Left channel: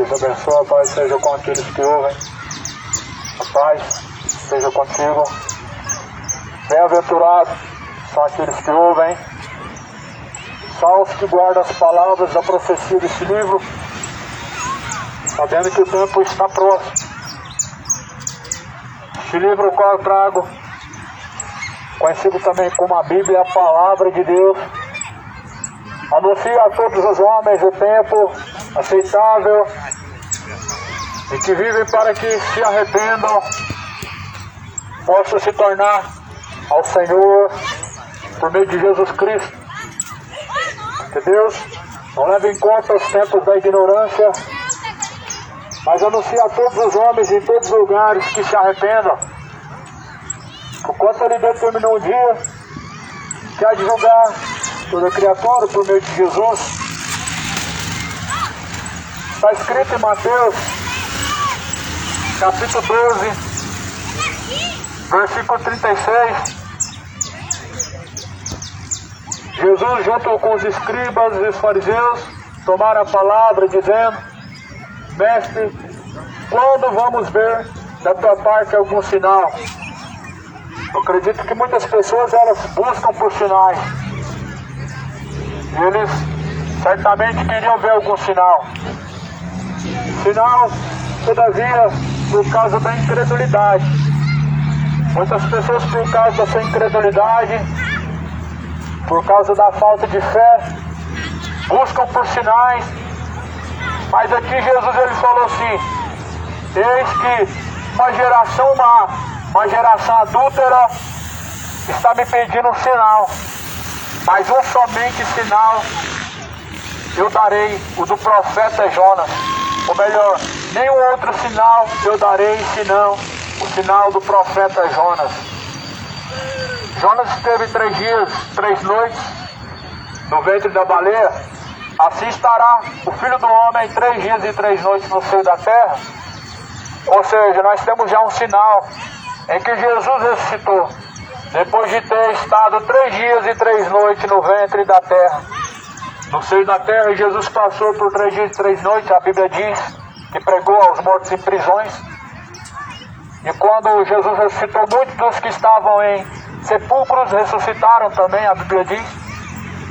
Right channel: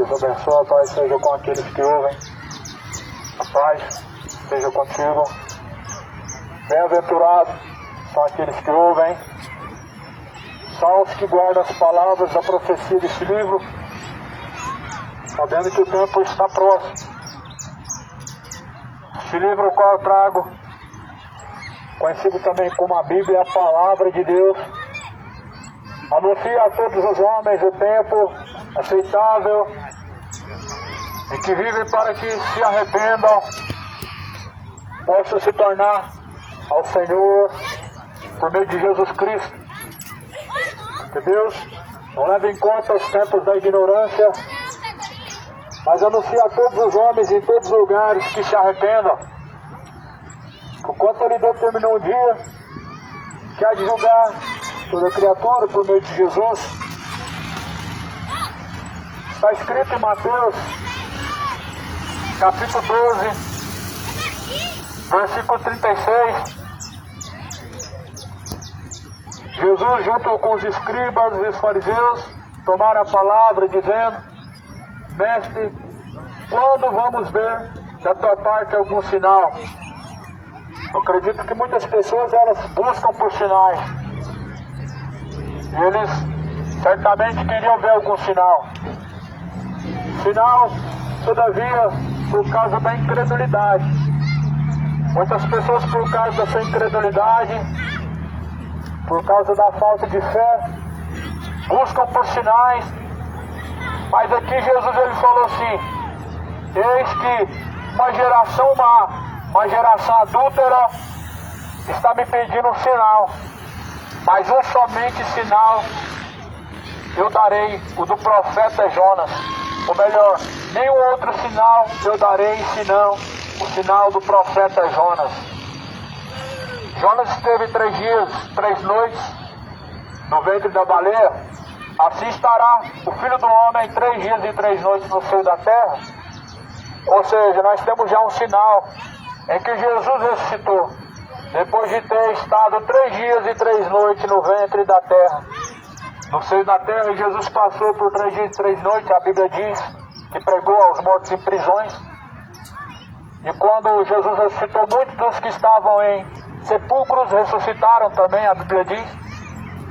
Deus abençoe, a paz seja com aqueles que ouvem. A paz seja contigo. Bem-aventurados são aqueles que ouvem. São os que guardam as palavras da profecia desse livro, sabendo que o tempo está próximo. Este livro o qual eu trago, conhecido também como a Bíblia, a Palavra de Deus, anuncia a todos os homens o tempo aceitável e que vivem para que se arrependam, possam se tornar ao Senhor por meio de Jesus Cristo. Que Deus não leve em conta os tempos da ignorância, mas anuncia a todos os homens em todos os lugares que se arrependam, porquanto Ele determinou um dia que há de julgar toda criatura por meio de Jesus. Está escrito em Mateus, capítulo 12, versículo 36. Jesus, junto com os escribas e os fariseus, tomaram a palavra dizendo: Mestre, quando vamos ver da tua parte algum sinal? Eu acredito que muitas pessoas elas buscam por sinais. Eles certamente queriam ver algum sinal. Sinal, todavia, por causa da incredulidade. Muitas pessoas, por causa da sua incredulidade, por causa da falta de fé, buscam por sinais. Mas aqui Jesus ele falou assim: eis que uma geração má, uma geração adúltera, está me pedindo um sinal. Mas um somente sinal eu darei, o do profeta Jonas. Ou melhor, nenhum outro sinal eu darei senão o sinal do profeta Jonas. Jonas esteve 3 dias, 3 noites no ventre da baleia. Assim estará o Filho do Homem 3 dias e 3 noites no seio da terra. Ou seja, nós temos já um sinal em que Jesus ressuscitou, depois de ter estado 3 dias e 3 noites no ventre da terra. No seio da terra, Jesus passou por 3 dias e 3 noites, a Bíblia diz que pregou aos mortos em prisões. E quando Jesus ressuscitou, muitos dos que estavam em sepulcros ressuscitaram também, a Bíblia diz.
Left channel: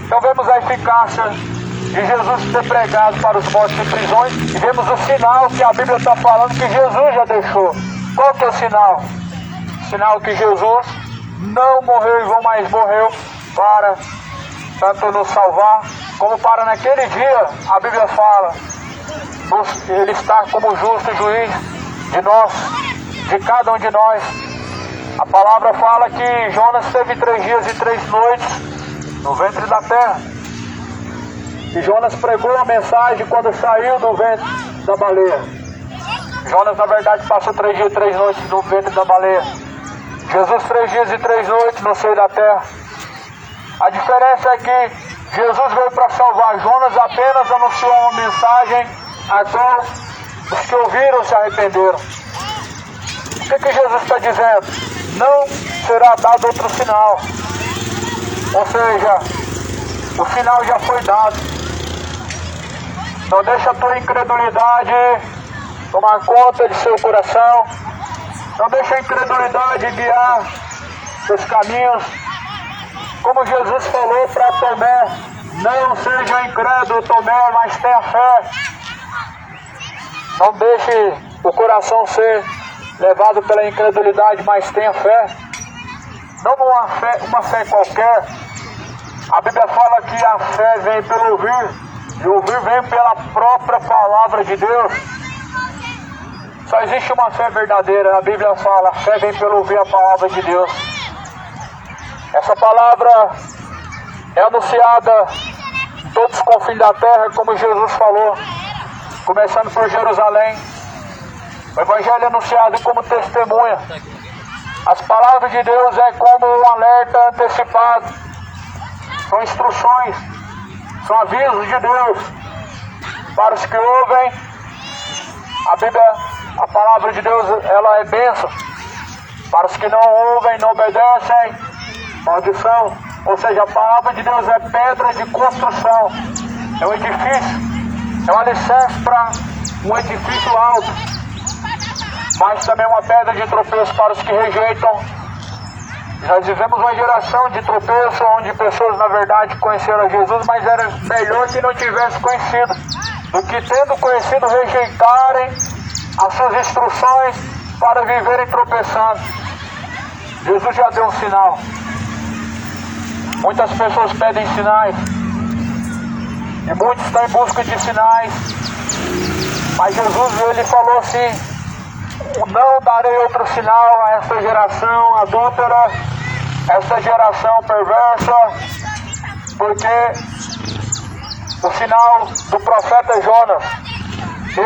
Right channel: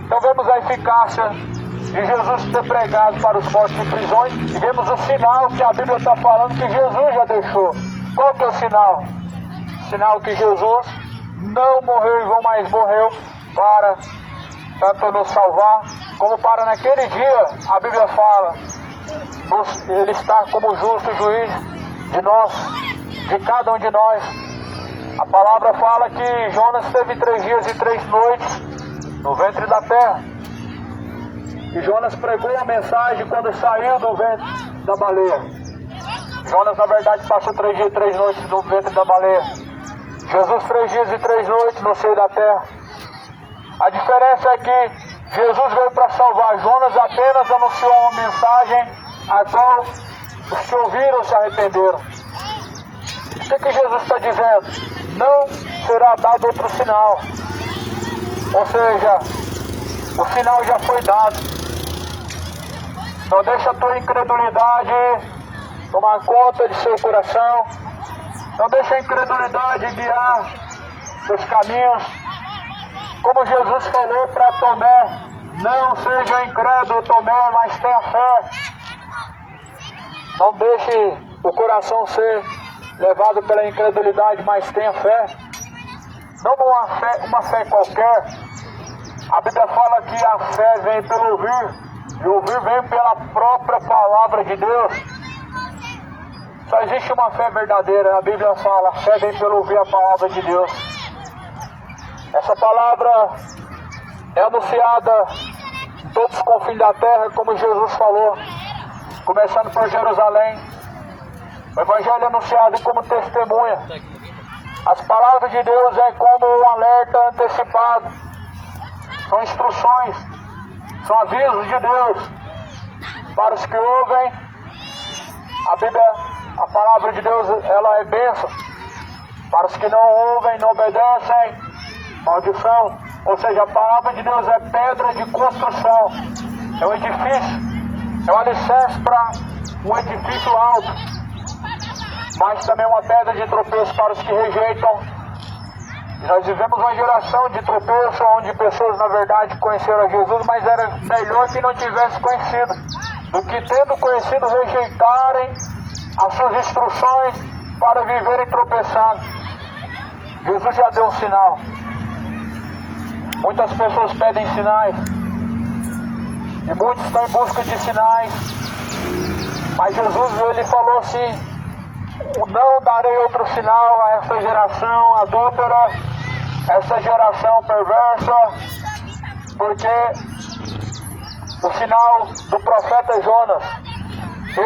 Então vemos a eficácia de Jesus ter pregado para os mortos em prisões, e vemos o sinal que a Bíblia está falando que Jesus já deixou. Qual que é o sinal? O sinal que Jesus não morreu e não mais morreu para tanto nos salvar, como para naquele dia, a Bíblia fala, Ele está como justo juiz de nós, de cada um de nós. A palavra fala que Jonas teve 3 dias e 3 noites no ventre da terra. E Jonas pregou a mensagem quando saiu do ventre da baleia. Jonas, na verdade, passou 3 dias e 3 noites no ventre da baleia. Jesus 3 dias e 3 noites no seio da terra. A diferença é que Jesus veio para salvar. Jonas apenas anunciou uma mensagem até os que ouviram se arrependeram. O que Jesus está dizendo? Não será dado outro sinal. Ou seja, o sinal já foi dado. Não deixa a tua incredulidade tomar conta de seu coração. Não deixa a incredulidade guiar seus caminhos. Como Jesus falou para Tomé, não seja incrédulo, Tomé, mas tenha fé. Não deixe o coração ser levado pela incredulidade, mas tenha fé. Não uma fé qualquer. A Bíblia fala que a fé vem pelo ouvir, e o ouvir vem pela própria palavra de Deus. Só existe uma fé verdadeira. A Bíblia fala, a fé vem pelo ouvir a palavra de Deus. Essa palavra é anunciada em todos os confins da terra, como Jesus falou, começando por Jerusalém. O Evangelho é anunciado como testemunha. As palavras de Deus é como um alerta antecipado. São instruções, são avisos de Deus para os que ouvem. A Bíblia, a palavra de Deus, ela é bênção. Para os que não ouvem, não obedecem, maldição. Ou seja, a palavra de Deus é pedra de construção. É um edifício, é um alicerce para um edifício alto. Mas também uma pedra de tropeço para os que rejeitam. Nós vivemos uma geração de tropeço, onde pessoas, na verdade, conheceram Jesus, mas era melhor que não tivesse conhecido, do que tendo conhecido, rejeitarem as suas instruções para viverem tropeçando. Jesus já deu um sinal. Muitas pessoas pedem sinais, e muitos estão em busca de sinais, mas Jesus, ele falou assim: não darei outro sinal a esta geração adúltera, esta geração perversa, porque o sinal do profeta Jonas,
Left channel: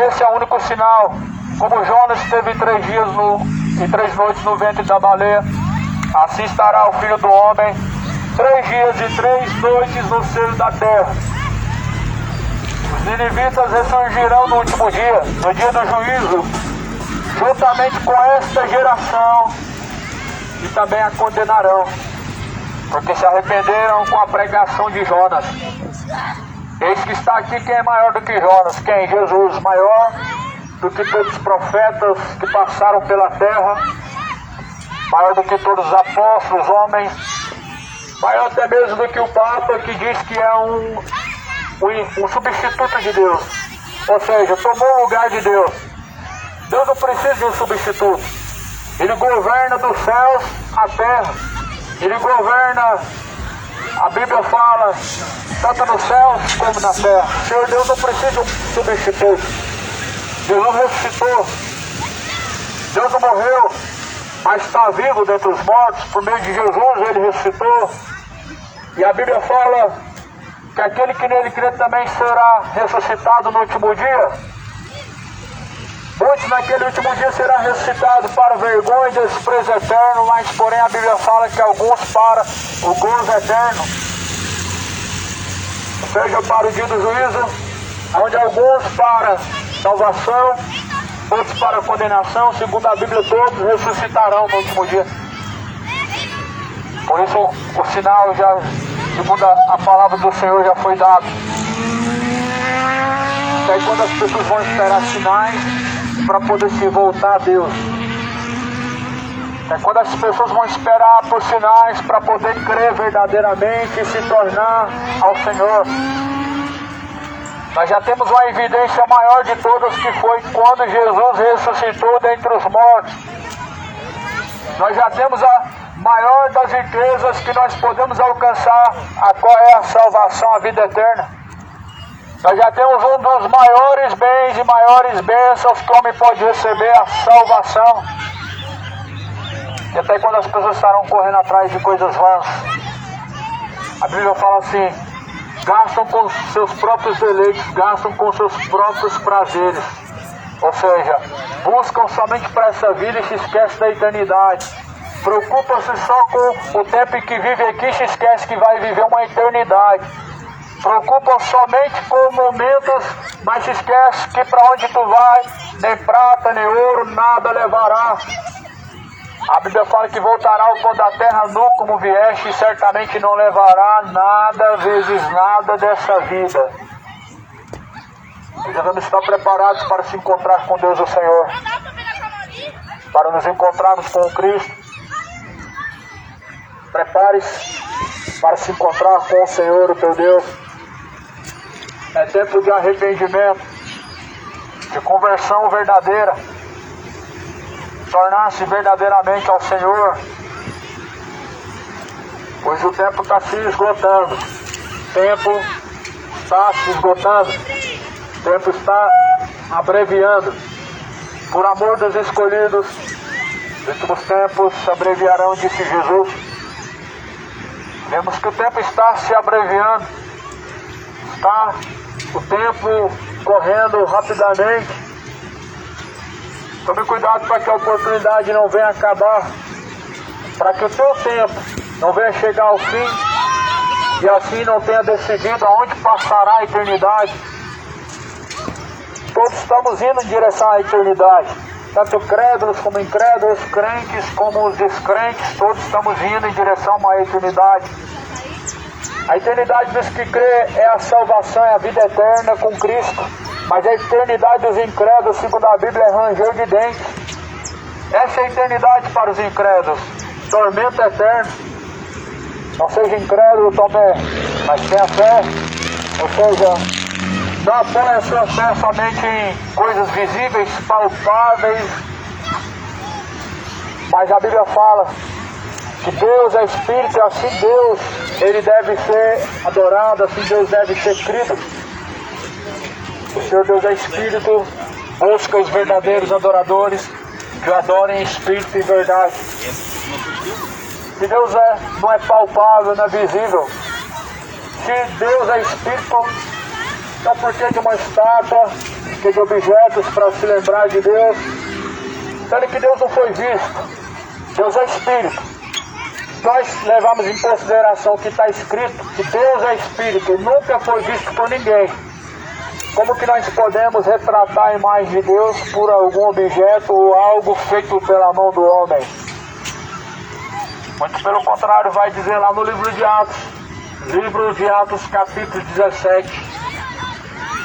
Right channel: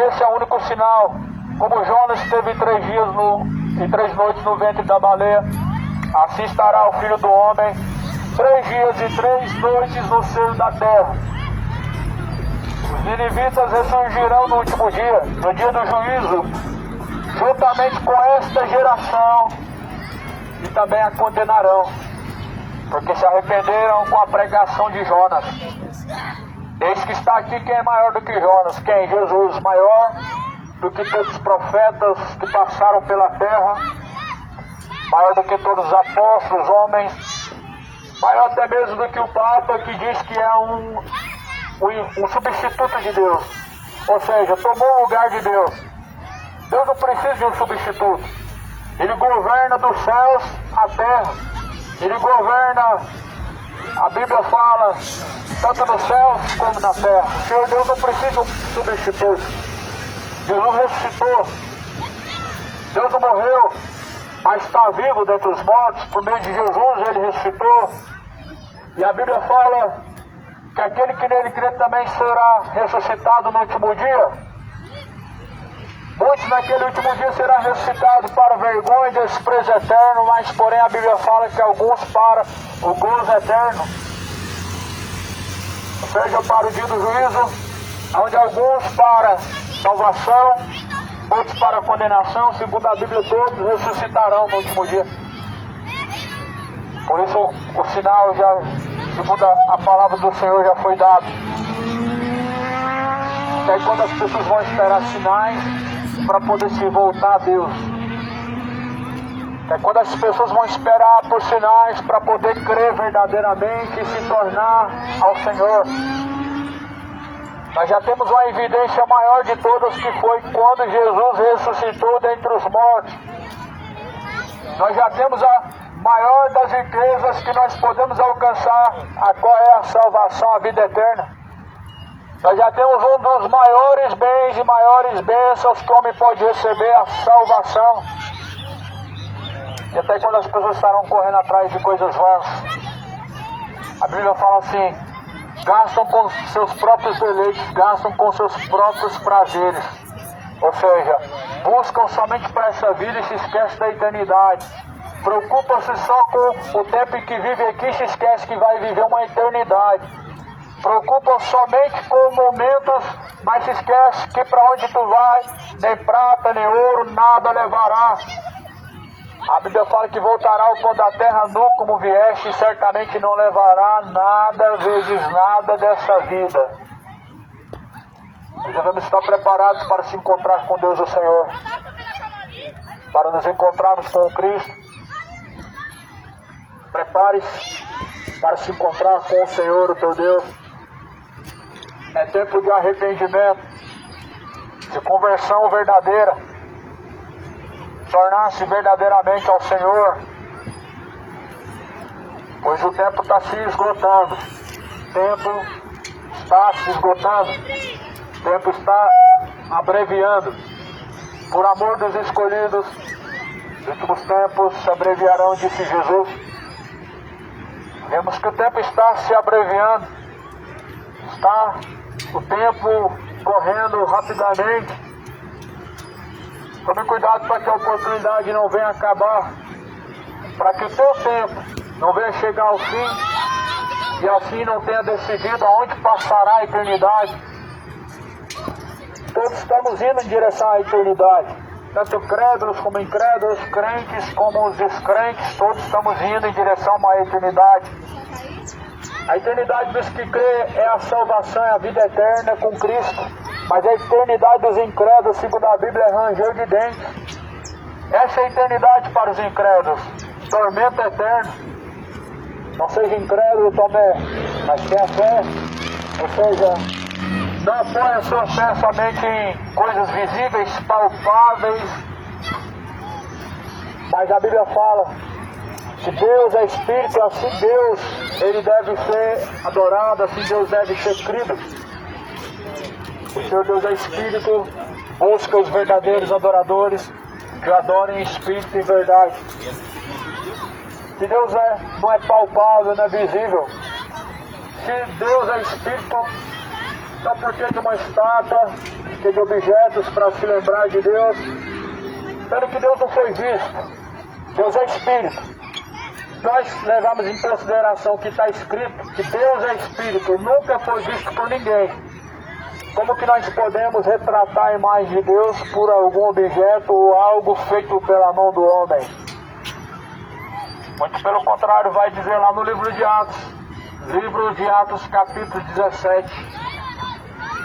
esse é o único sinal. Como Jonas esteve 3 dias e 3 noites no ventre da baleia, assim estará o Filho do Homem 3 dias e 3 noites no seio da terra. Os ninivitas ressurgirão no último dia, no dia do juízo, juntamente com esta geração, e também a condenarão, porque se arrependeram com a pregação de Jonas. Eis que está aqui quem é maior do que Jonas. Quem? Jesus, maior do que todos os profetas que passaram pela terra, maior do que todos os apóstolos, homens, maior até mesmo do que o Papa, que diz que é um substituto de Deus, ou seja, tomou o lugar de Deus. Deus não precisa de um substituto. Ele governa dos céus à terra. Ele governa, a Bíblia fala, tanto nos céus como na terra. O Senhor Deus não precisa de um substituto. Jesus ressuscitou. Deus não morreu, mas está vivo dentre os mortos. Por meio de Jesus, ele ressuscitou. E a Bíblia fala que aquele que nele crê também será ressuscitado no último dia. Muitos naquele último dia será ressuscitado para vergonha e desprezo eterno, mas porém a Bíblia fala que alguns para o gozo eterno. Ou seja, para o dia do juízo, onde alguns para salvação, outros para condenação, segundo a Bíblia, todos ressuscitarão no último dia. Por isso o sinal já, segundo a palavra do Senhor, já foi dado. Aí quando as pessoas vão esperar sinais para poder se voltar a Deus. É quando as pessoas vão esperar por sinais para poder crer verdadeiramente e se tornar ao Senhor. Nós já temos uma evidência maior de todas, que foi quando Jesus ressuscitou dentre os mortos. Nós já temos a maior das riquezas que nós podemos alcançar, a qual é a salvação, a vida eterna. Nós já temos um dos maiores bens e maiores bênçãos que o homem pode receber, a salvação. E até quando as pessoas estarão correndo atrás de coisas vãs, a Bíblia fala assim: gastam com seus próprios deleites, gastam com seus próprios prazeres. Ou seja, buscam somente para essa vida e se esquecem da eternidade. Preocupam-se só com o tempo em que vive aqui e se esquece que vai viver uma eternidade. Preocupam somente com momentos, mas esquece que para onde tu vai, nem prata, nem ouro, nada levará. A Bíblia fala que voltará ao pó da terra nu como vieste, e certamente não levará nada, vezes nada dessa vida. Nós devemos estar preparados para se encontrar com Deus o Senhor, para nos encontrarmos com Cristo. Prepare-se para se encontrar com o Senhor, o teu Deus. É tempo de arrependimento, de conversão verdadeira, tornar-se verdadeiramente ao Senhor, pois o tempo está se esgotando. O tempo está se esgotando. O tempo está abreviando. Por amor dos escolhidos, os últimos tempos se abreviarão, disse Jesus. Vemos que o tempo está se abreviando. Está o tempo correndo rapidamente. Tome cuidado para que a oportunidade não venha acabar, para que o teu tempo não venha chegar ao fim e assim não tenha decidido aonde passará a eternidade. Todos estamos indo em direção à eternidade, tanto crédulos como incrédulos, crentes como os descrentes, todos estamos indo em direção a uma eternidade. A eternidade dos que crê é a salvação, é a vida eterna com Cristo. Mas a eternidade dos incrédulos, segundo a Bíblia, é ranger de dentes. Essa é a eternidade para os incrédulos. Tormento eterno. Não seja incrédulo, Tomé, mas tenha fé. Ou seja, não apoie a sua fé somente em coisas visíveis, palpáveis. Mas a Bíblia fala que Deus é Espírito, e assim Deus, Ele deve ser adorado, assim Deus deve ser crido. O Senhor Deus é Espírito, busca os verdadeiros adoradores, que o adorem em Espírito e verdade. Se Deus não é palpável, não é visível, se Deus é Espírito, então por que de uma estátua, que de objetos para se lembrar de Deus? Sendo que Deus não foi visto, Deus é Espírito. Nós levamos em consideração que está escrito que Deus é Espírito, nunca foi visto por ninguém. Como que nós podemos retratar a imagem de Deus por algum objeto ou algo feito pela mão do homem? Muito pelo contrário, vai dizer lá no livro de Atos capítulo 17.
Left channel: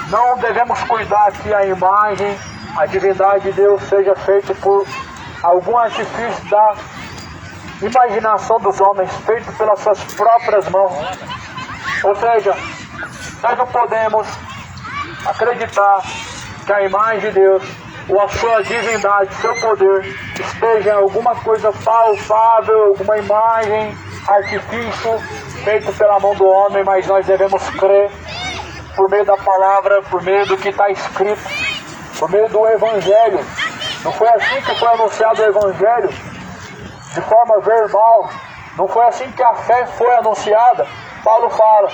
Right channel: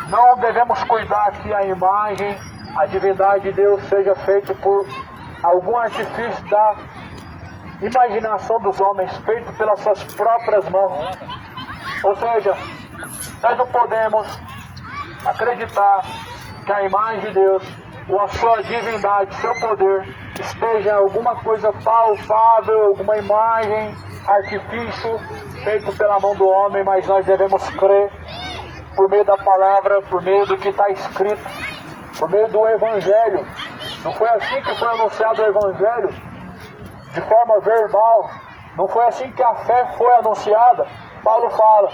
Não devemos cuidar que a imagem, a divindade de Deus seja feita por algum artifício da imaginação dos homens, feito pelas suas próprias mãos. Ou seja, nós não podemos acreditar que a imagem de Deus, ou a sua divindade, seu poder, esteja em alguma coisa palpável, alguma imagem, artifício, feito pela mão do homem, mas nós devemos crer por meio da palavra, por meio do que está escrito, por meio do Evangelho. Não foi assim que foi anunciado o Evangelho? De forma verbal. Não foi assim que a fé foi anunciada. Paulo fala:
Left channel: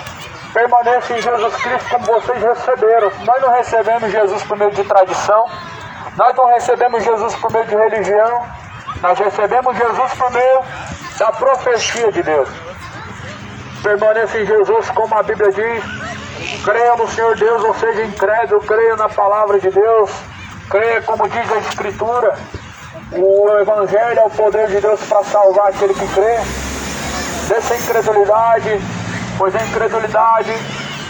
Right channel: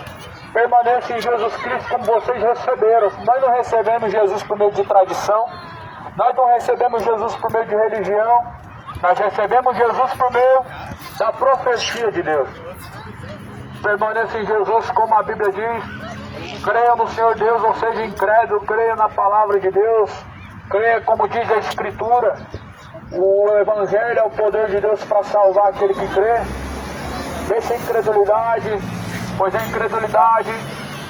permaneça em Jesus Cristo como vocês receberam. Nós não recebemos Jesus por meio de tradição, nós não recebemos Jesus por meio de religião, nós recebemos Jesus por meio da profecia de Deus. Permaneça em Jesus como a Bíblia diz. Creia no Senhor Deus, ou seja, incrédulo, creia na palavra de Deus, creia como diz a Escritura. O Evangelho é o poder de Deus para salvar aquele que crê. Dessa incredulidade, pois a incredulidade,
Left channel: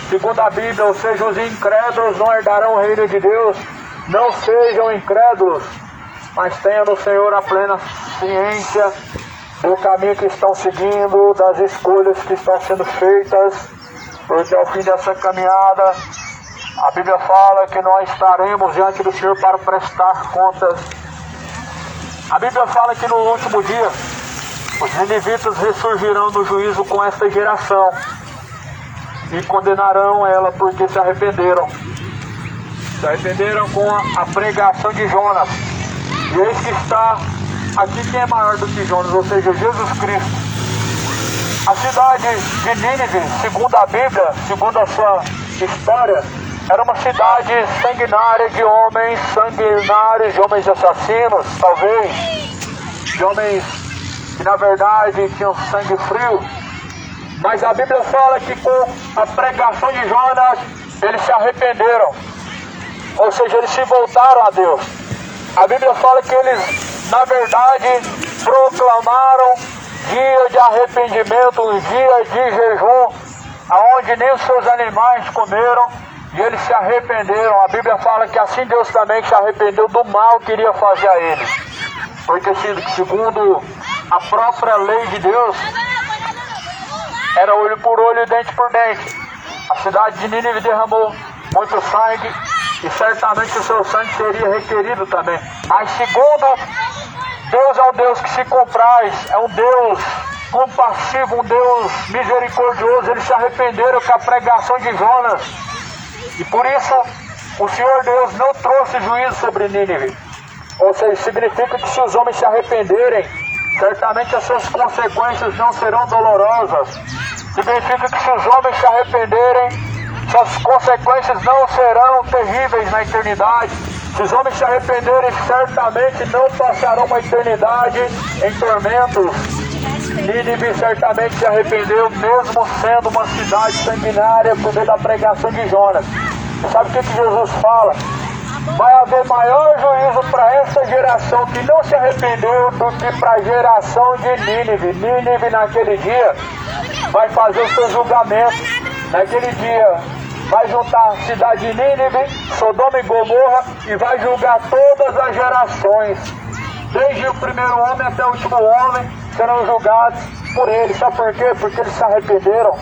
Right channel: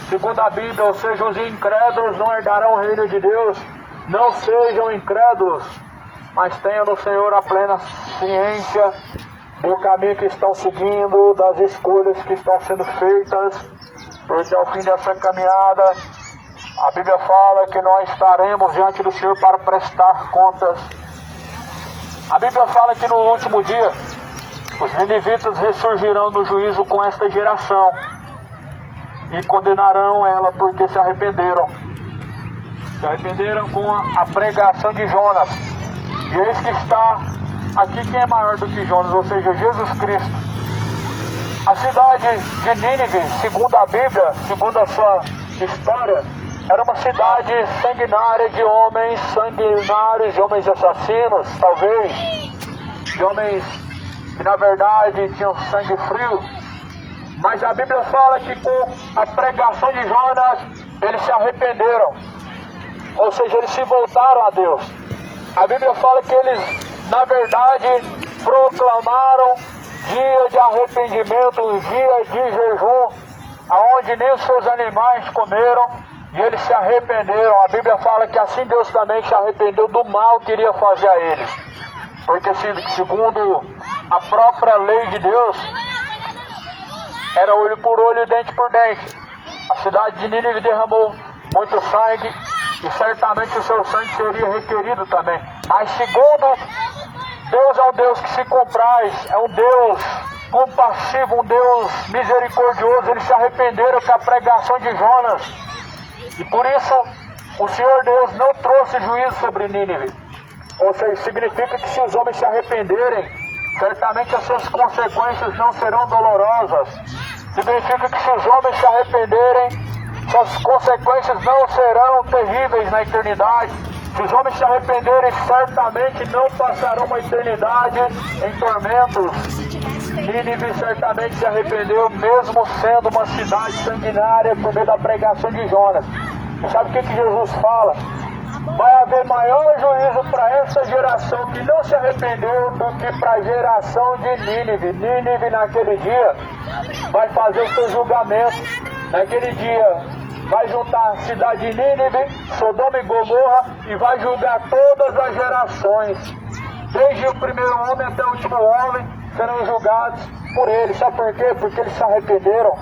segundo a Bíblia, ou seja, os incrédulos não herdarão o reino de Deus. Não sejam incrédulos, mas tenham no Senhor a plena ciência do caminho que estão seguindo, das escolhas que estão sendo feitas, porque ao fim dessa caminhada, a Bíblia fala que nós estaremos diante do Senhor para prestar contas. A Bíblia fala que no último dia, os ninivitas ressurgirão no juízo com esta geração e condenarão ela porque se arrependeram. Se arrependeram com a pregação de Jonas. E eis que está aqui quem é maior do que Jonas, ou seja, Jesus Cristo. A cidade de Nínive, segundo a Bíblia, segundo a sua história, era uma cidade sanguinária de homens sanguinários, de homens assassinos, talvez, de homens que na verdade tinham sangue frio. Mas a Bíblia fala que com a pregação de Jonas, eles se arrependeram. Ou seja, eles se voltaram a Deus. A Bíblia fala que eles, na verdade, proclamaram dia de arrependimento, dia de jejum, aonde nem os seus animais comeram, e eles se arrependeram. A Bíblia fala que assim Deus também se arrependeu do mal que iria fazer a eles. Porque segundo a própria lei de Deus, era olho por olho e dente por dente. A cidade de Nínive derramou muito sangue e certamente o seu sangue seria requerido também. Mas segundo Deus, é um Deus que se compraz, é um Deus compassivo, um Deus misericordioso. Eles se arrependeram com a pregação de Jonas. E por isso o Senhor Deus não trouxe juízo sobre Nínive. Ou seja, significa que se os homens se arrependerem, certamente as suas consequências não serão dolorosas. Significa que se os homens se arrependerem, suas consequências não serão terríveis na eternidade. Se os homens se arrependerem, certamente não passarão uma eternidade em tormentos. Nínive certamente se arrependeu, mesmo sendo uma cidade sanguinária, por meio da pregação de Jonas. E sabe o que Jesus fala? Vai haver maior juízo para essa geração que não se arrependeu do que para a geração de Nínive. Nínive naquele dia vai fazer o seu julgamento. Naquele dia vai juntar a cidade de Nínive, Sodoma e Gomorra, e vai julgar todas as gerações. Desde o primeiro homem até o último homem serão julgados por ele. Sabe por quê? Porque eles se arrependeram.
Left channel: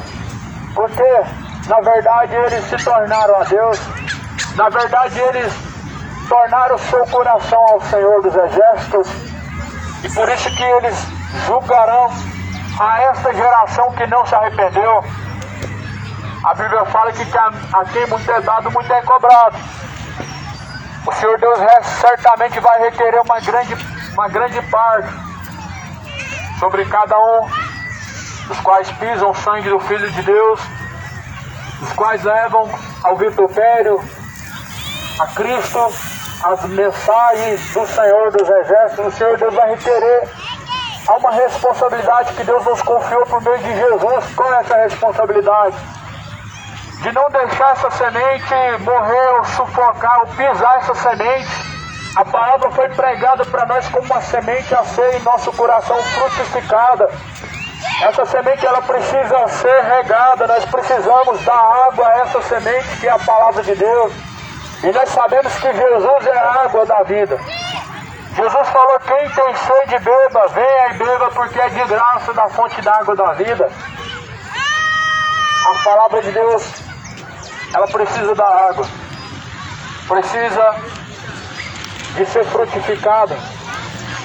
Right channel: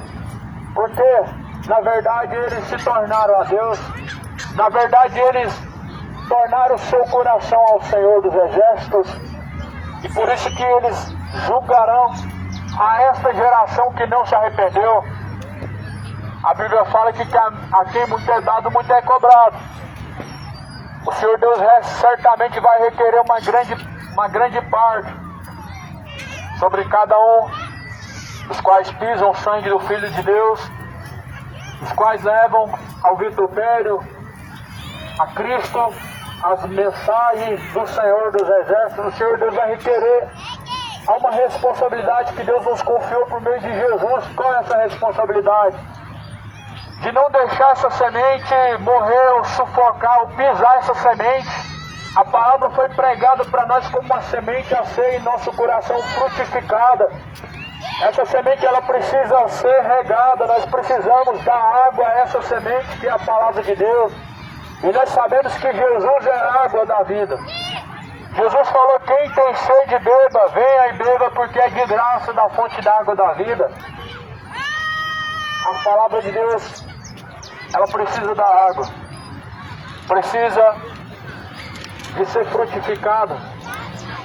Porque, na verdade, eles se tornaram a Deus. Na verdade, eles tornaram o seu coração ao Senhor dos Exércitos. E por isso que eles julgarão a esta geração que não se arrependeu. A Bíblia fala que a quem muito é dado, muito é cobrado. O Senhor Deus certamente vai requerer uma grande parte sobre cada um, os quais pisam o sangue do Filho de Deus, os quais levam ao vitupério a Cristo, as mensagens do Senhor dos Exércitos. O Senhor Deus vai requerer. Há uma responsabilidade que Deus nos confiou por meio de Jesus. Qual é essa responsabilidade? De não deixar essa semente morrer ou sufocar ou pisar essa semente. A palavra foi pregada para nós como uma semente a ser em nosso coração frutificada. Essa semente ela precisa ser regada. Nós precisamos dar água a essa semente que é a palavra de Deus. E nós sabemos que Jesus é a água da vida. Jesus falou: quem tem sede beba, venha e beba, porque é de graça da fonte da água da vida. A palavra de Deus, ela precisa da água. Precisa de ser frutificada.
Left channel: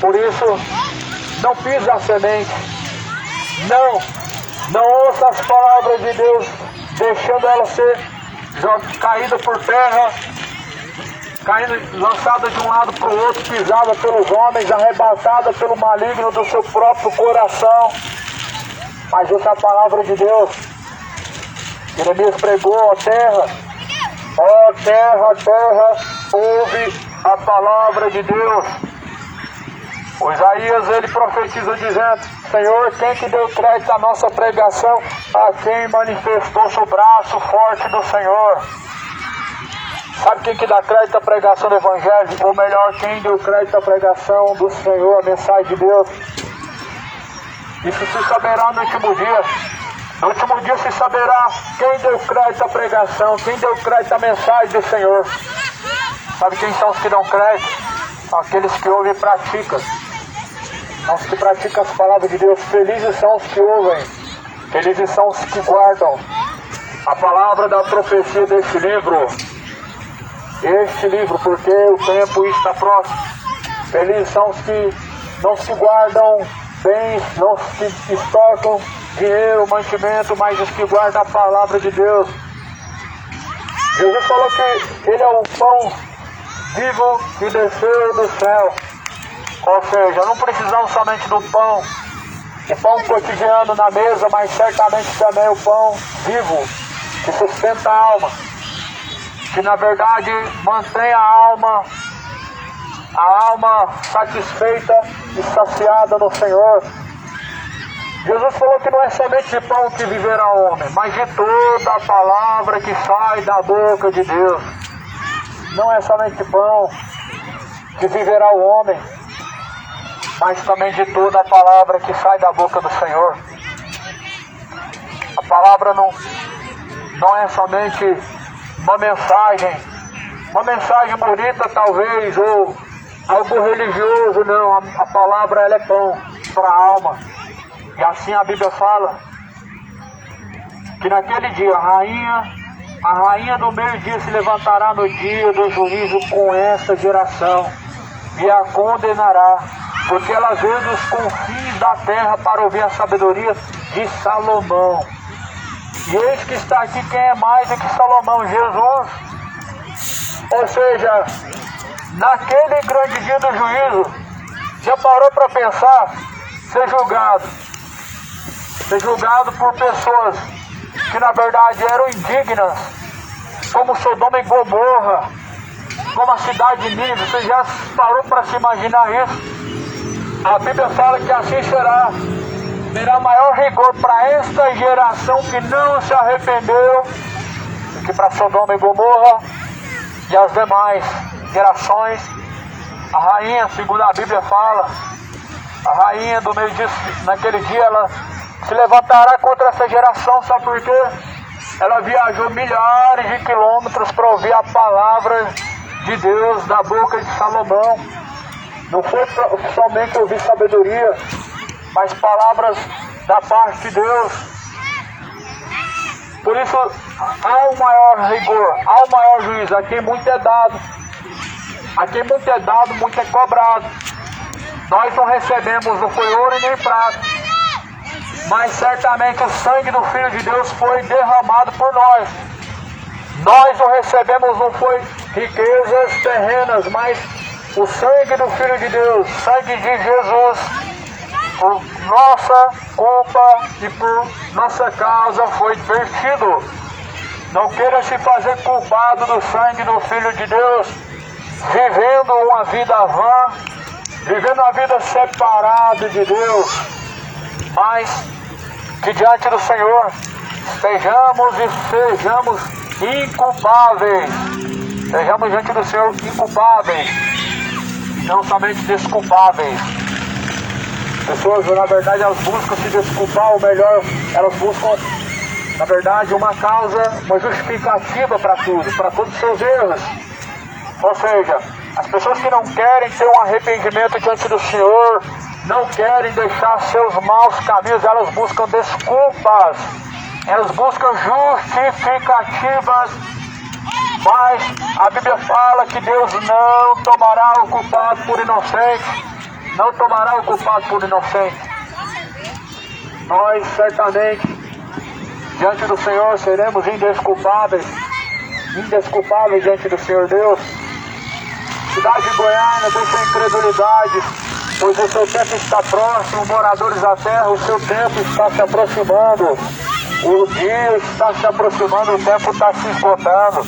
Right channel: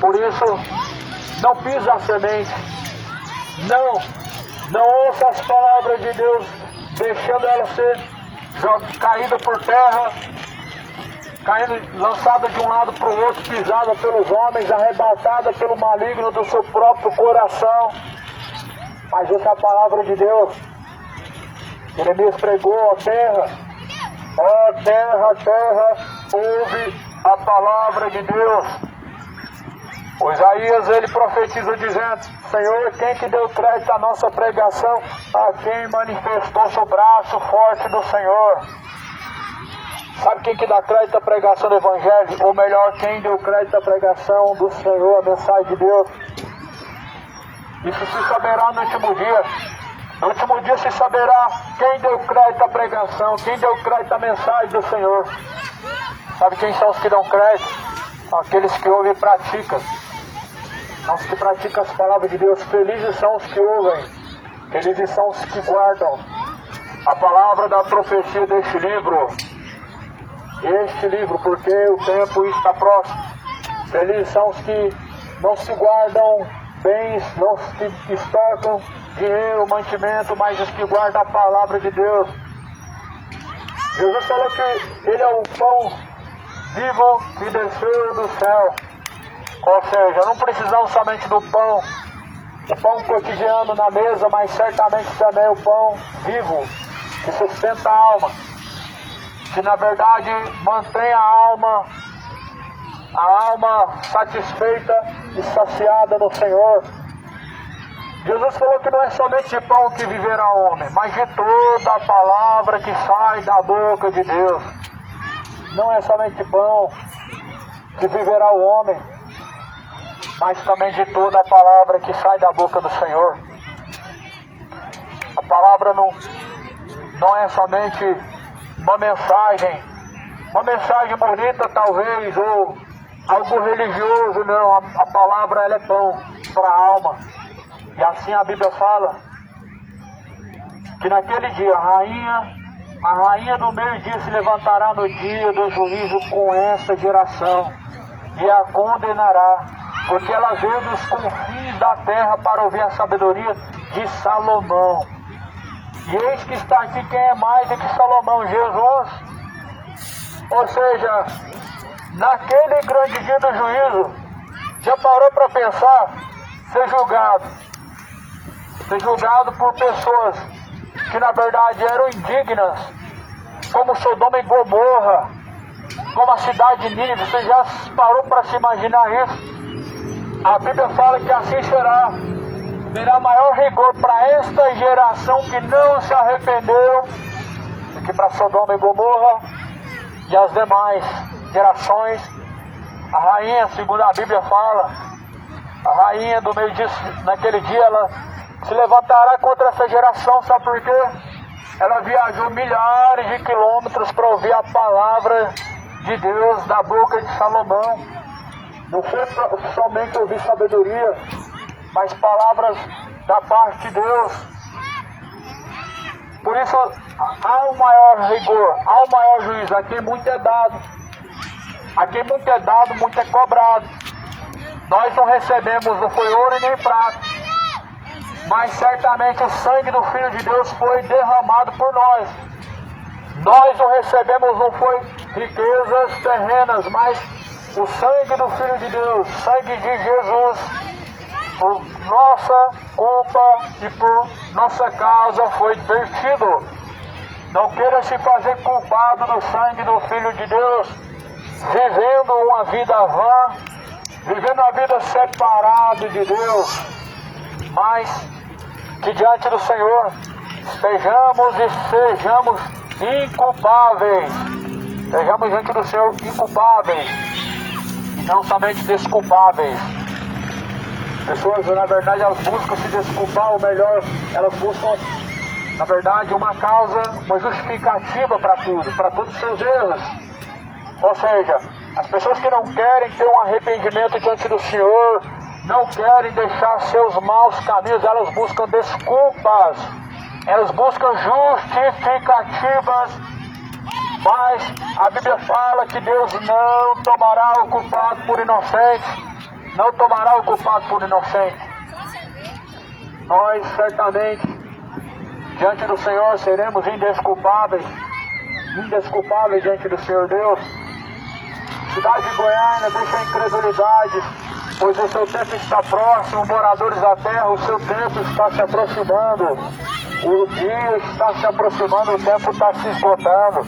Por isso, não pisa a semente. Não ouça as palavras de Deus, deixando ela ser caída por terra, lançada de um lado para o outro, pisada pelos homens, arrebatada pelo maligno do seu próprio coração. Mas essa é a palavra de Deus. Jeremias pregou: ó terra, ouve a palavra de Deus. O Isaías, ele profetiza dizendo: Senhor, quem que deu crédito à nossa pregação? A quem manifestou-se o braço forte do Senhor. Sabe quem que dá crédito à pregação do Evangelho? Ou melhor, quem deu crédito à pregação do Senhor, a mensagem de Deus? Isso se saberá no último dia. No último dia se saberá quem deu crédito à pregação, quem deu crédito à mensagem do Senhor. Sabe quem são os que dão crédito? Aqueles que ouvem e praticam. Os que praticam as palavras de Deus. Felizes são os que ouvem. Felizes são os que guardam a palavra da profecia deste livro. Porque o tempo está próximo. Felizes são os que não se guardam bens, não os que estocam dinheiro, mantimento, mas os que guardam a palavra de Deus. Jesus falou que Ele é o pão vivo que desceu do céu. Ou seja, não precisamos somente do pão, o pão cotidiano na mesa, mas certamente também o pão vivo que sustenta a alma, que na verdade mantém a alma satisfeita e saciada no Senhor. Jesus falou que não é somente de pão que viverá o homem, mas de toda a palavra que sai da boca de Deus. Não é somente de pão que viverá o homem, mas também de toda a palavra que sai da boca do Senhor. A palavra não é somente uma mensagem bonita talvez, ou algo religioso, não. A palavra ela é pão para a alma. E assim a Bíblia fala que naquele dia a rainha do meio-dia se levantará no dia do juízo com essa geração e a condenará, porque ela veio dos confins da terra para ouvir a sabedoria de Salomão. E eis que está aqui quem é mais do que Salomão, Jesus. Ou seja, naquele grande dia do juízo, já parou para pensar? Ser julgado por pessoas que na verdade eram indignas, como Sodoma e Gomorra, como a cidade de Nínive. Você já parou para se imaginar isso? A Bíblia fala que assim será. Terá maior rigor para esta geração que não se arrependeu que para Sodoma e Gomorra e as demais gerações. A rainha, segundo a Bíblia fala, a rainha do meio-dia, naquele dia ela se levantará contra essa geração, sabe por quê? Ela viajou milhares de quilômetros para ouvir a palavra de Deus da boca de Salomão. Não foi somente ouvir sabedoria, mas palavras da parte de Deus. Por isso, há um maior rigor, há um maior juízo. A quem muito é dado, muito é cobrado. Nós não recebemos, não foi ouro e nem prata, mas certamente o sangue do Filho de Deus foi derramado por nós. Nós não recebemos, não foi riquezas terrenas, mas o sangue do Filho de Deus, sangue de Jesus, por nossa culpa e por nossa causa foi vertido. Não queira se fazer culpado do sangue do Filho de Deus, vivendo uma vida vã, vivendo uma vida separada de Deus, mas que diante do Senhor sejamos inculpáveis. Sejamos diante do Senhor inculpáveis e não somente desculpáveis. Pessoas, na verdade, elas buscam se desculpar, ou melhor, elas buscam, na verdade, uma causa, uma justificativa para tudo, para todos os seus erros. Ou seja, as pessoas que não querem ter um arrependimento diante do Senhor, não querem deixar seus maus caminhos, elas buscam desculpas, elas buscam justificativas, mas a Bíblia fala que Deus não tomará o culpado por inocente. Não tomará o culpado por inocente. Nós certamente, diante do Senhor, seremos indesculpáveis diante do Senhor Deus. Cidade de Goiânia, deixa a incredulidade, pois o seu tempo está próximo, moradores da terra, o seu tempo está se aproximando. O dia está se aproximando, o tempo está se esgotando.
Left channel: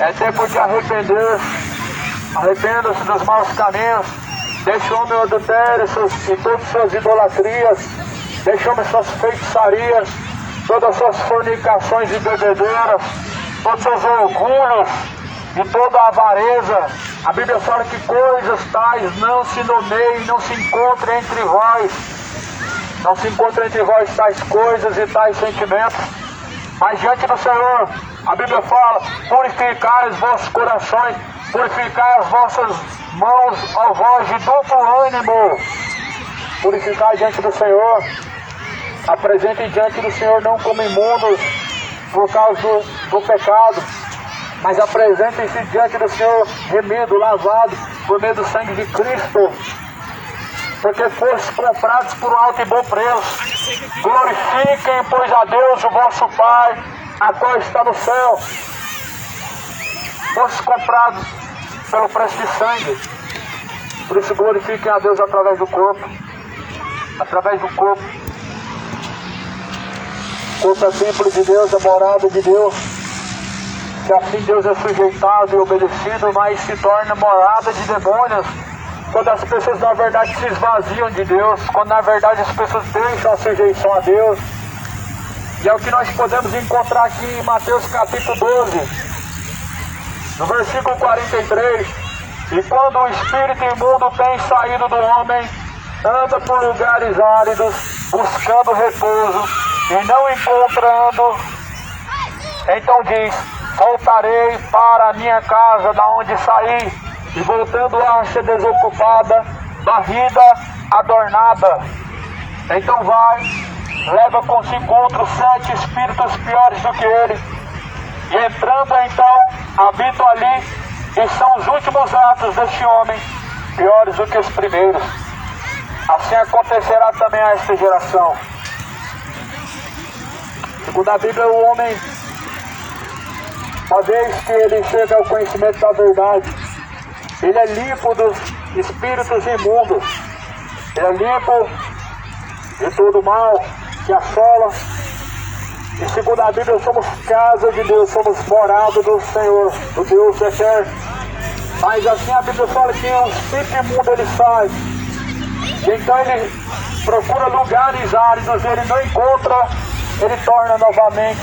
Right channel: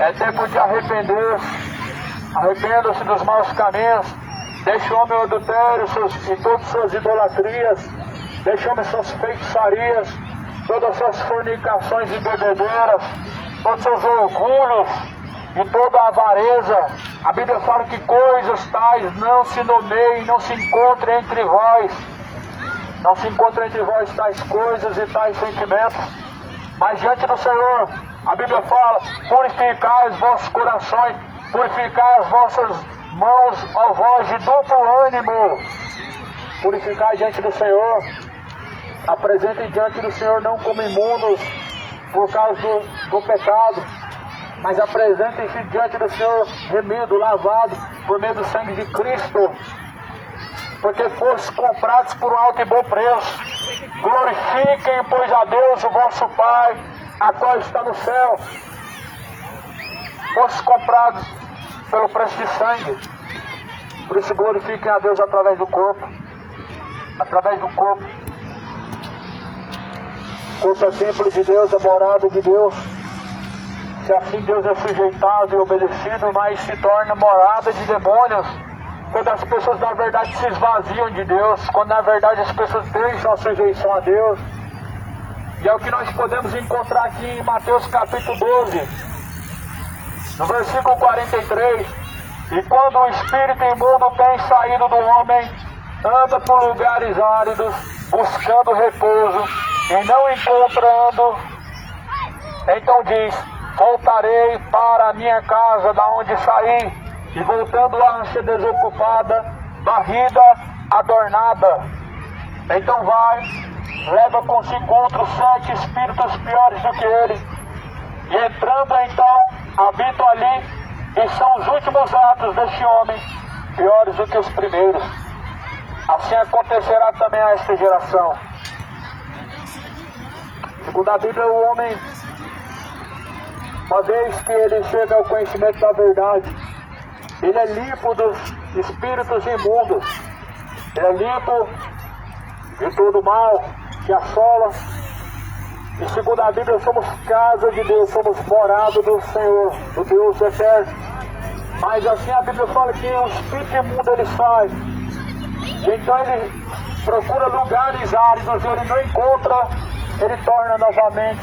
É tempo de arrepender-se. Arrependa-se dos maus caminhos. Deixe o homem o adultério e todas suas idolatrias. Deixe o homem suas feitiçarias, todas as suas fornicações e bebedeiras, todos os seus orgulhos e toda a avareza. A Bíblia fala que coisas tais não se nomeiem, não se encontrem entre vós. Não se encontram entre vós tais coisas e tais sentimentos. Mas diante do Senhor, a Bíblia fala, purificai os vossos corações, purificai as vossas mãos, ó vós de duplo ânimo. Purificai diante do Senhor. Apresentem diante do Senhor não como imundos por causa do pecado, mas apresentem-se diante do Senhor remido, lavado por meio do sangue de Cristo, porque foste comprados por um alto e bom preço. Glorifiquem, pois, a Deus, o vosso Pai, a qual está no céu. Foste comprados pelo preço de sangue. Por isso glorifiquem a Deus através do corpo. Através do corpo. O corpo é templo de Deus, é morada de Deus. Se assim Deus é sujeitado e obedecido, mas se torna morada de demônios. quando as pessoas na verdade se esvaziam de Deus, quando na verdade as pessoas deixam a sujeição a Deus. E é o que nós podemos encontrar aqui em Mateus capítulo 12, no versículo 43. E quando o espírito imundo tem saído do homem, anda por lugares áridos, buscando repouso, e não encontrando, então diz: voltarei para a minha casa da onde saí, e voltando a ser desocupada, varrida, adornada. Então vai, leva consigo outros 7 espíritos piores do que ele, e entrando então, habitam ali, e são os últimos atos deste homem, piores do que os primeiros. Assim acontecerá também a esta geração. Segundo a Bíblia, o homem, uma vez que ele chega ao conhecimento da verdade, ele é limpo dos espíritos imundos, ele é limpo de todo mal que assola. E segundo a Bíblia, somos casa de Deus, somos morada do Senhor, do Deus eterno. Mas assim a Bíblia fala que o espírito imundo ele sai, e então ele procura lugares áridos, ele não encontra, ele torna novamente.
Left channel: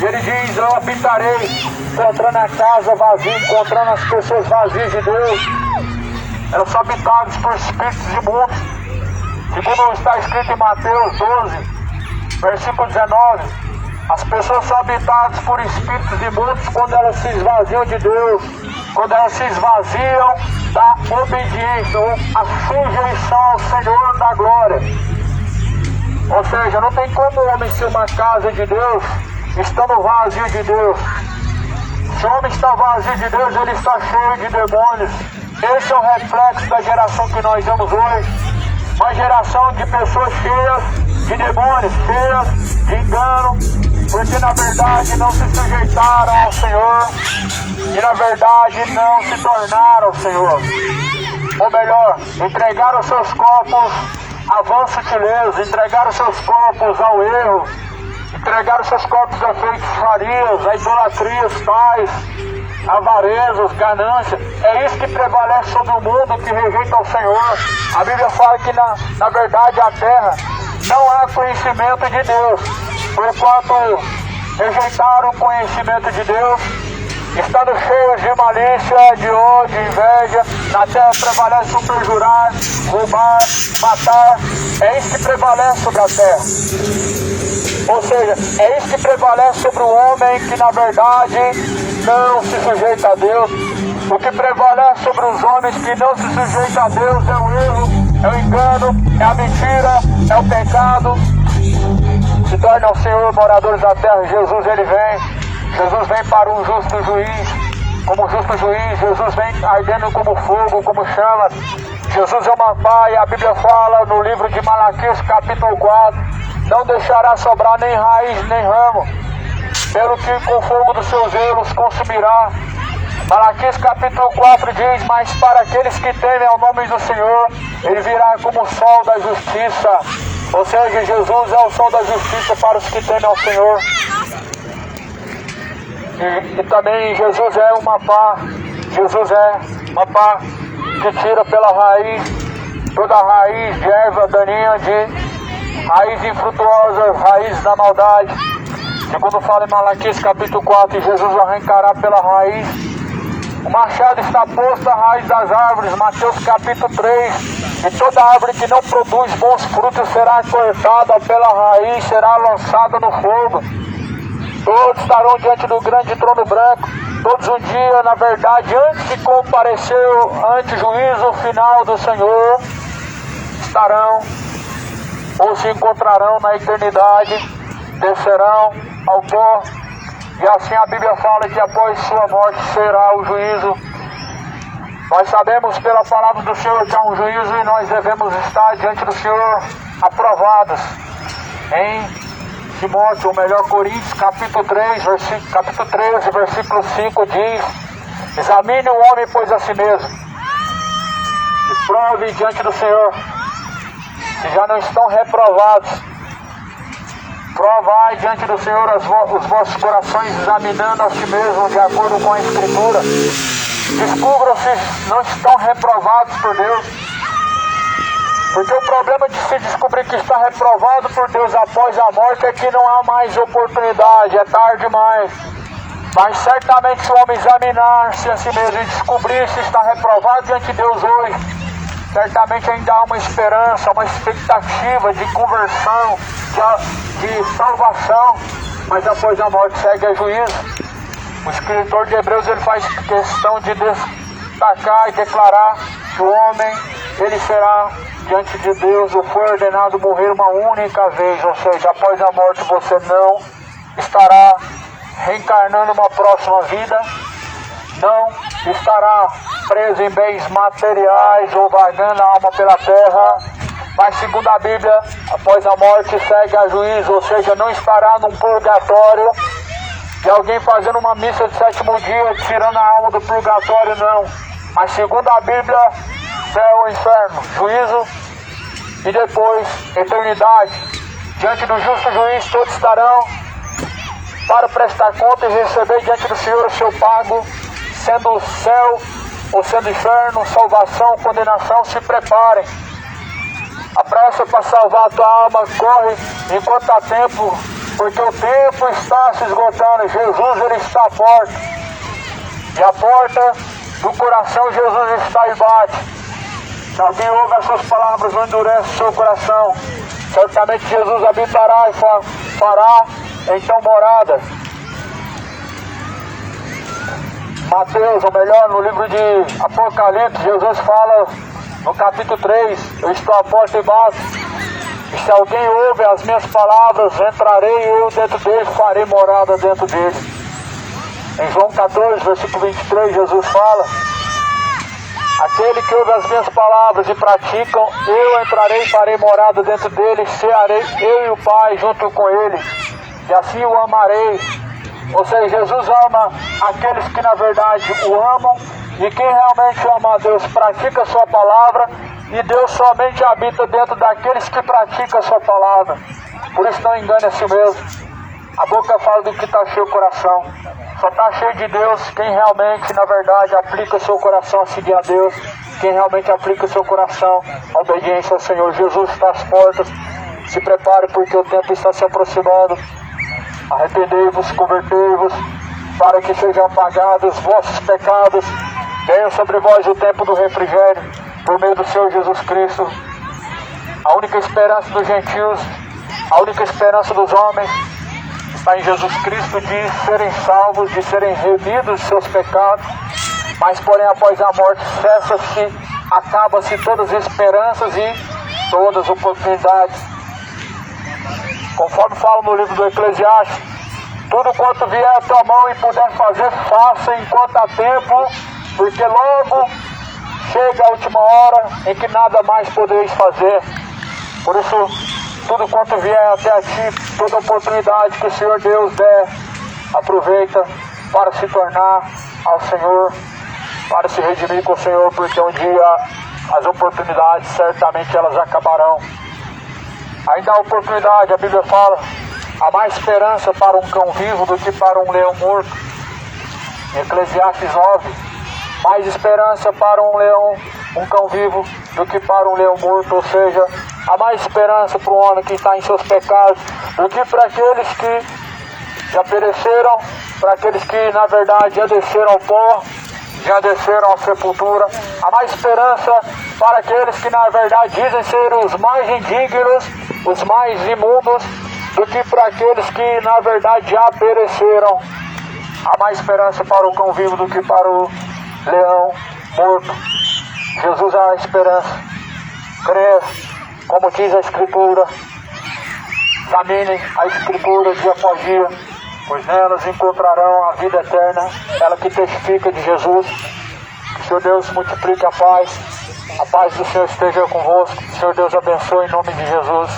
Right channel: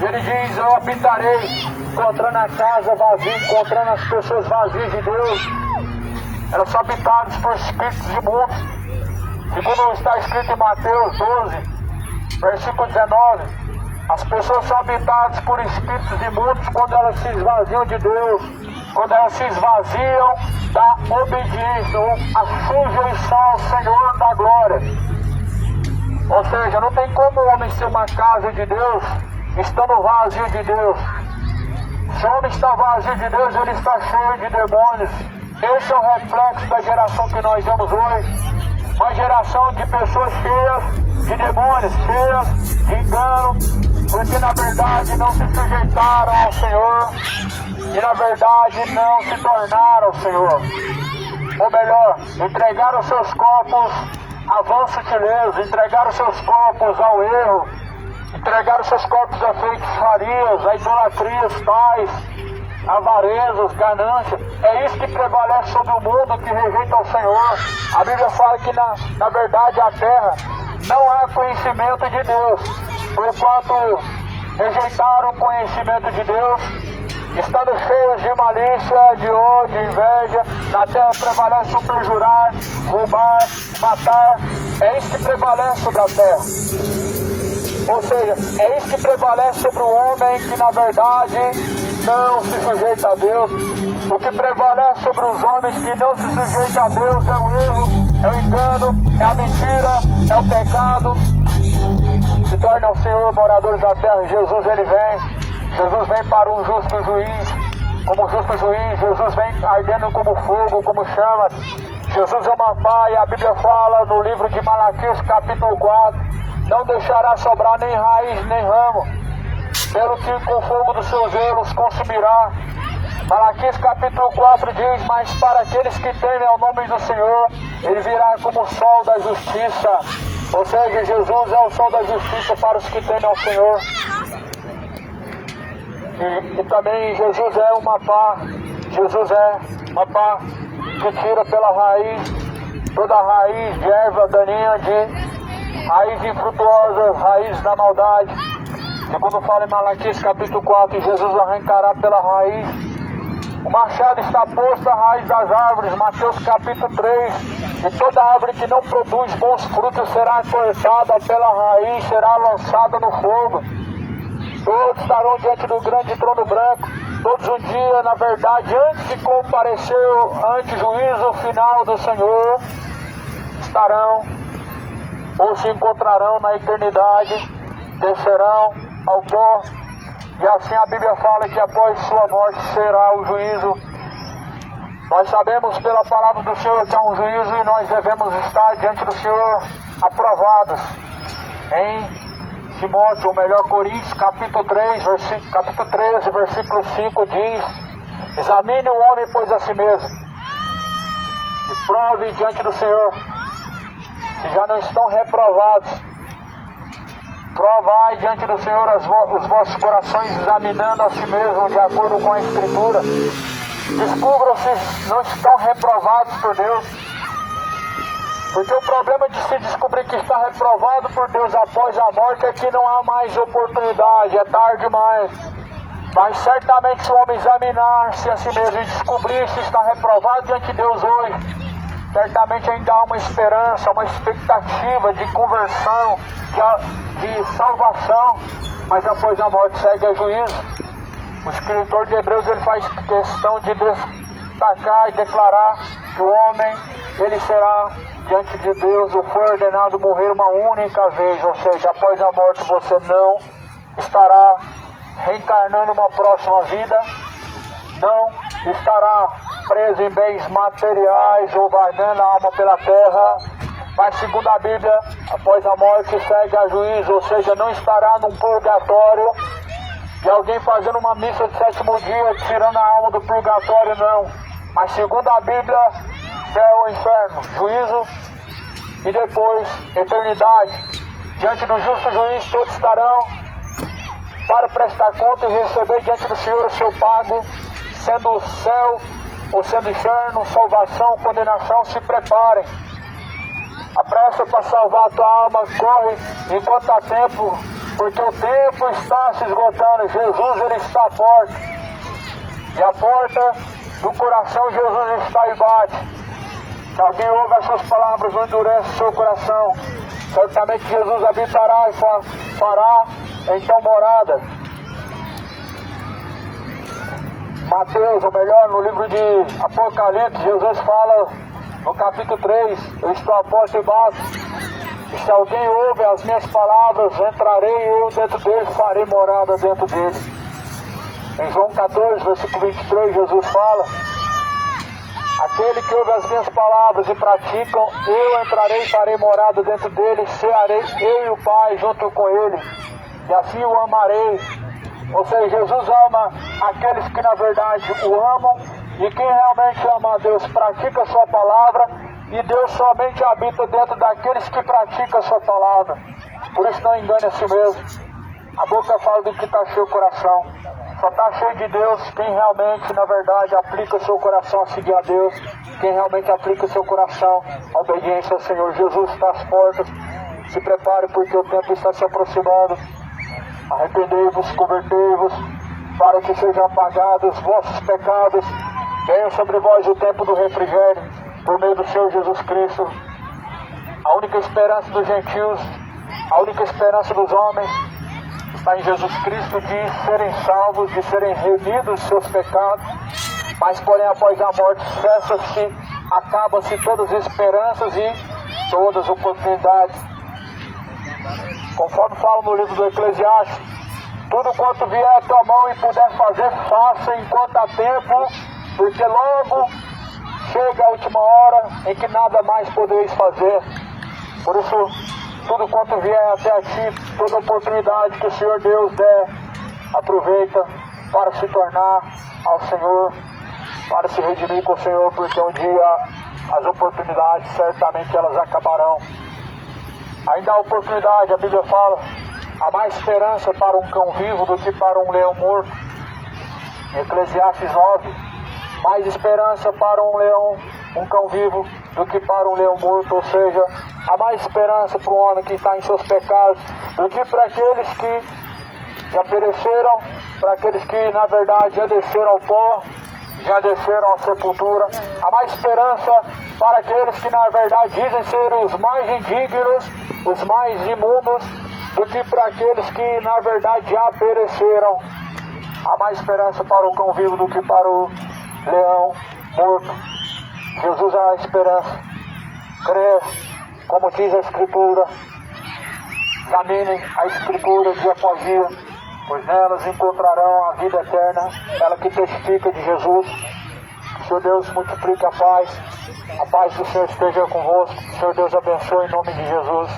E ele diz: eu habitarei, encontrando a casa vazia, encontrando as pessoas vazias de Deus. Elas são habitadas por espíritos imundos. Segundo está escrito em Mateus 12, versículo 19, as pessoas são habitadas por espíritos imundos quando elas se esvaziam de Deus, quando elas se esvaziam da obediência, ou a sujeição ao Senhor da glória. Ou seja, não tem como o homem ser uma casa de Deus estando vazio de Deus. Se o homem está vazio de Deus, ele está cheio de demônios. Esse é o reflexo da geração que nós vemos hoje. Uma geração de pessoas cheias de demônios, cheias de engano, porque na verdade não se sujeitaram ao Senhor e na verdade não se tornaram o Senhor. Ou melhor, entregaram seus corpos à vã sutileza, entregaram seus corpos ao erro, entregaram seus corpos a feitiçarias, a idolatrias tais, avarezas, ganância. É isso que prevalece sobre o mundo que rejeita o Senhor. A Bíblia fala que na verdade a terra não há conhecimento de Deus, porquanto rejeitaram o conhecimento de Deus, estando cheios de malícia, de ódio, inveja. Na terra prevalece o perjurar, roubar, matar. É isso que prevalece sobre a terra. Ou seja, é isso que prevalece sobre o homem que na verdade não se sujeita a Deus. O que prevalece sobre os homens que não se sujeitam a Deus é o erro, é o engano, é a mentira, é o pecado. Se tornam o Senhor moradores da terra. Jesus ele vem. Jesus vem para um justo juiz. Como justo juiz, Jesus vem ardendo como fogo, como chama. Jesus é uma pá, e a Bíblia fala no livro de Malaquias capítulo 4, não deixará sobrar nem raiz nem ramo, pelo que com o fogo dos seus zelos consumirá. Malaquias capítulo 4 diz: mas para aqueles que temem ao nome do Senhor, ele virá como o sol da justiça. Ou seja, Jesus é o sol da justiça para os que temem ao Senhor. E também Jesus é uma pá. Jesus é uma pá que tira pela raiz toda a raiz de erva daninha, de raiz infrutuosa, raiz da maldade. E quando fala em Malaquias capítulo 4, Jesus arrancará pela raiz. O machado está posto à raiz das árvores, Mateus capítulo 3. E toda árvore que não produz bons frutos será cortada pela raiz, será lançada no fogo. Todos estarão diante do grande trono branco. Todos um dia, na verdade, antes de comparecer ante o juízo final do Senhor, estarão ou se encontrarão na eternidade, descerão ao pó. E assim a Bíblia fala que após sua morte será o juízo. Nós sabemos pela palavra do Senhor que há um juízo e nós devemos estar diante do Senhor aprovados. Em Timóteo, ou melhor, Coríntios, capítulo 13, versículo 5 diz: examine o homem, pois a si mesmo, e prove diante do Senhor, se já não estão reprovados. Provai diante do Senhor os vossos corações, examinando a si mesmo de acordo com a Escritura. Descubram se não estão reprovados por Deus. Porque o problema de se descobrir que está reprovado por Deus após a morte é que não há mais oportunidade, é tarde demais. Mas certamente se o homem examinar-se a si mesmo e descobrir se está reprovado diante de Deus hoje, certamente ainda há uma esperança, uma expectativa de conversão, de salvação, mas após a morte segue a juízo. O escritor de Hebreus ele faz questão de destacar e declarar que o homem ele será diante de Deus, ou foi ordenado morrer uma única vez, ou seja, após a morte você não estará reencarnando uma próxima vida, não estará preso em bens materiais ou vagando a alma pela terra, mas segundo a Bíblia, após a morte segue a juízo, ou seja, não estará num purgatório de alguém fazendo uma missa de sétimo dia, tirando a alma do purgatório, não. Mas segundo a Bíblia, céu ou inferno, juízo e depois eternidade. Diante do justo juiz todos estarão para prestar conta e receber diante do Senhor o seu pago, sendo o céu ou sendo inferno, salvação, condenação. Se preparem. A pressa para salvar a tua alma corre enquanto há tempo, porque o tempo está se esgotando. Jesus ele está à porta, e a porta do coração Jesus está e bate. Se alguém ouve essas palavras, não endurece o seu coração, certamente Jesus habitará e fará então morada. Mateus, ou melhor, no livro de Apocalipse, Jesus fala no capítulo 3, eu estou à porta e bato, e se alguém ouve as minhas palavras, entrarei eu dentro dele, farei morada dentro dele. Em João 14, versículo 23, Jesus fala: aquele que ouve as minhas palavras e praticam, eu entrarei e farei morada dentro dele, cearei eu e o Pai junto com ele, e assim o amarei. Ou seja, Jesus ama aqueles que na verdade o amam, e quem realmente ama a Deus pratica a sua palavra, e Deus somente habita dentro daqueles que praticam a sua palavra. Por isso não engane a si mesmo. A boca fala do que está cheio o coração. Só está cheio de Deus quem realmente, na verdade, aplica o seu coração a seguir a Deus. Quem realmente aplica o seu coração a obediência ao Senhor. Jesus está às portas. Se prepare porque o tempo está se aproximando. Arrependei-vos, convertei-vos, para que sejam apagados vossos pecados. Venha sobre vós o tempo do refrigério, por meio do Senhor Jesus Cristo. A única esperança dos gentios, a única esperança dos homens, está em Jesus Cristo de serem salvos, de serem remidos de seus pecados. Mas porém após a morte cessa-se, acaba-se todas as esperanças e todas as oportunidades. Conforme fala no livro do Eclesiastes, tudo quanto vier à tua mão e puder fazer, faça enquanto há tempo, porque logo chega a última hora em que nada mais podereis fazer. Por isso, tudo quanto vier até a ti, toda oportunidade que o Senhor Deus der, aproveita para se tornar ao Senhor, para se redimir com o Senhor, porque um dia as oportunidades certamente elas acabarão. Ainda há oportunidade, a Bíblia fala, há mais esperança para um cão vivo do que para um leão morto. Em Eclesiastes 9, mais esperança para um cão vivo do que para um leão morto, ou seja, há mais esperança para o homem que está em seus pecados do que para aqueles que já pereceram, para aqueles que na verdade já desceram ao pó, já desceram à sepultura. Há mais esperança para aqueles que na verdade dizem ser os mais indignos, os mais imundos, do que para aqueles que na verdade já pereceram. Há mais esperança para o cão vivo do que para o leão morto. Jesus é a esperança. Crê, como diz a Escritura, examinem a Escritura dia após dia, pois nelas encontrarão a vida eterna, ela que testifica de Jesus. Que o Senhor Deus multiplique a paz do Senhor esteja convosco, que o Senhor Deus abençoe em nome de Jesus.